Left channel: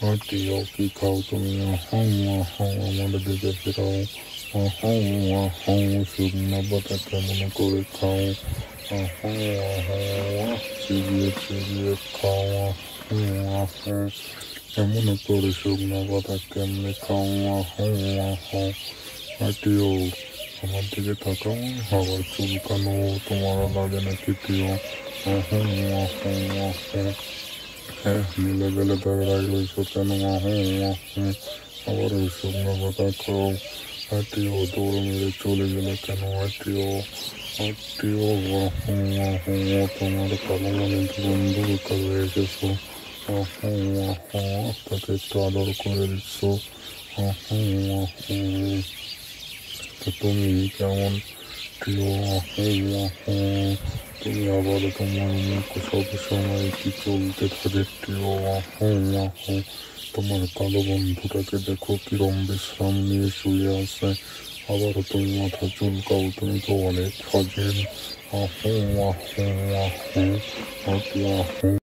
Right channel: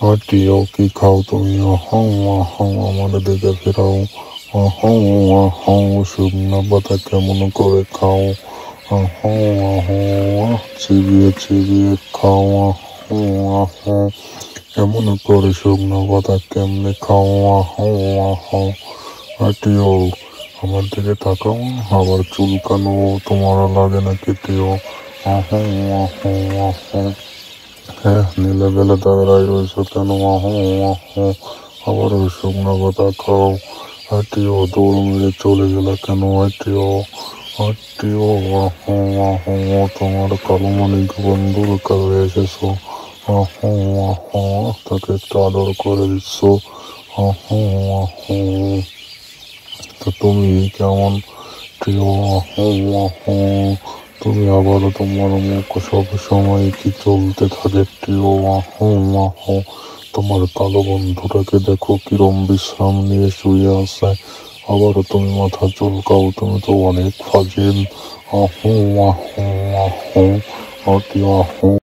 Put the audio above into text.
আটিও কি খাও তুমি? হাও হাও আমার দিকে ফেরাও। হাও হাও শুকনো পাতা কেমন করে খাও? হাও চিবিয়ে চিবিয়ে খাও। হাও হাও এমন করে শুকনো পাতা কেমনে খাও? হাও হাও আটিও আমার দিকে তাকাও, আবার চুলকানো তোমার লাগে না কেটেও। হাও হাও হাও হ্যাঁ, নীলে বেলে দাঁড়াই রয়েছো কেন? আবার ওই শুকনো পাতা খাও। হাঁটিও দৌড় মেরে চলে গেলে কেন? হাঁটিও হাঁটিও তোমার কালো মানিক বন্ধুর কাছে এসেছো। তাকে একটু আদর করে দিচ্ছ। তো তুমি কেমন প্রিয়? তুমি আবারও তোমার মুখ সব সময় কি চলতে থাকে প্রিয়? তোমার কালো বন্ধুটাকে দেখো কিরম বিশ্রাম নিয়ে শুয়ে আছে। আবারও তুমি মাথা চুলকাও, তুমি তো অনেক ফাজিল। আহ আহ আহ আহ